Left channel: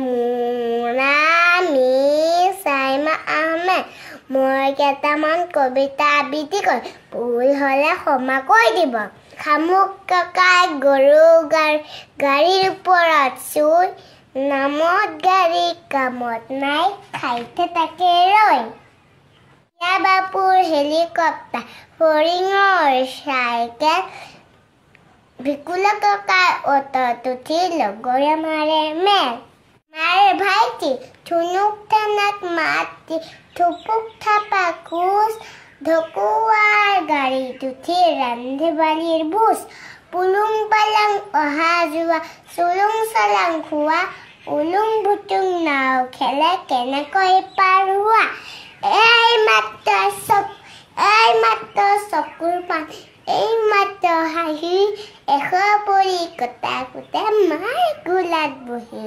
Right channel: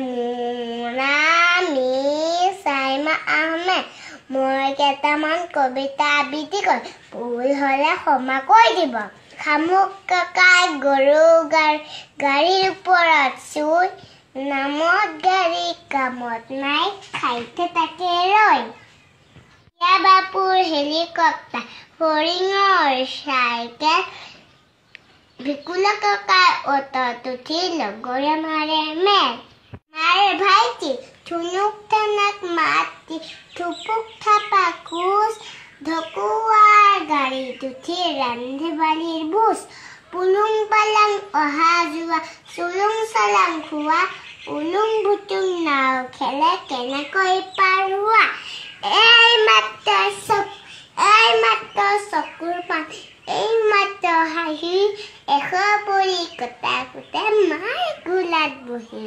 মুনামি সাইমা আহমেদ মই কেইটামান কবিতা আবৃত্তি কৰি ভুল হ'লে ক্ষমা কৰি দিব খামুক কাকাই গৰু গাড়ীৰ ওপৰত চুই নামত গাড়ী কামত নাই খাইতে তাকে ৰৈ বাপুৰ হেলিকপ্টাৰ ফৰিঙৰ চাইকেল ভিকুলা কাকাই অটত উঠি লগৰে মাৰে মেল মাৰে ভাইটি থুনুক থানাক মাতি থুপুক থাপা কোচ ঢকুৱাৰ গাড়ীত উঠি ৰান্ধি বালিৰ বুজ পুলুং পালাং অহা যোৱা চুলুং চালাং খোৱা উলুং বুটুং নাও খেলে কেনেকৈ পাৰ হোৱা এই মাত্ৰ চকুৰ পান এই মাত্ৰ হাঁহি এশ পৰি কটা কুটা মাৰ গোলাত বহি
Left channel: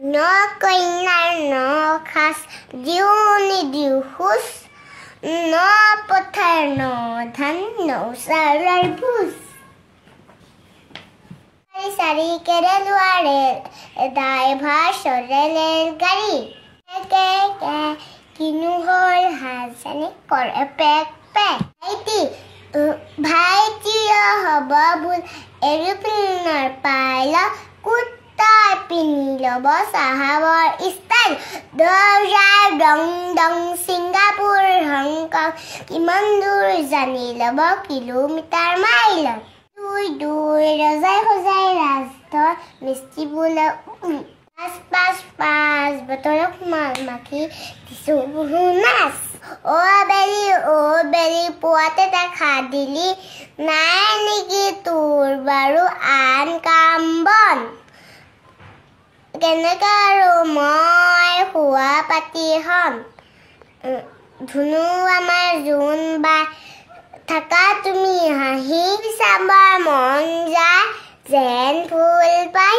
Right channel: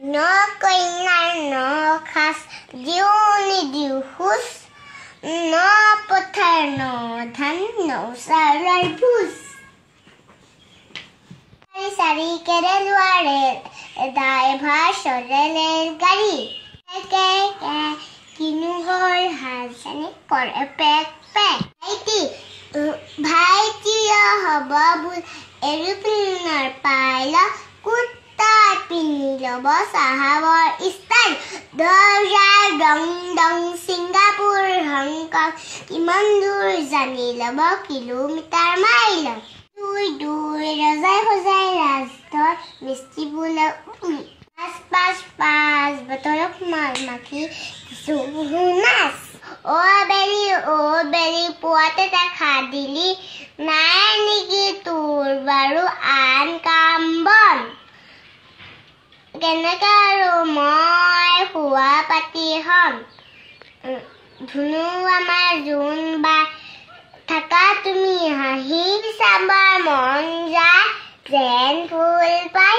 ন কইনাৰ ন খাচ দিও নিদিও খোজ ন পথাৰ ন ধান নৌচাৰৰ ভোজ চাৰিকেৰে লোৱাৰে ড্ৰাইভাৰ চলে ৰেলগাড়ী কিনো হ'ল হাজানি কৰে পেক পেক ভাইটি হ'ব বোল এৰোপ্লেনৰ পাইলট কুৰ্তা পিন্ধি ল'ব চাহাবৰ ষ্টাইল দৌৰাৰ ডং ডং ছিংগাপুৰ হংকং কিমান দূৰ জানি ল'ব কিলোমিটাৰ মাইলত দুই ৰজাই সজাই ৰাজধৰ মিস্ত্ৰী বোলে পাঁচ বতৰক মাল মাখি কিছু বহু নাচ অ বেলি পুৱাতে দেখা দিলি নাই নেকি তোৰ বাৰু আন কাম বন কেনেকে আৰু মই শোৱা পাতি হম ধুনু আমাৰ জোন বা থাকা তুমি হাঁহি চাবৰ মন যায় যেন ফুল পাই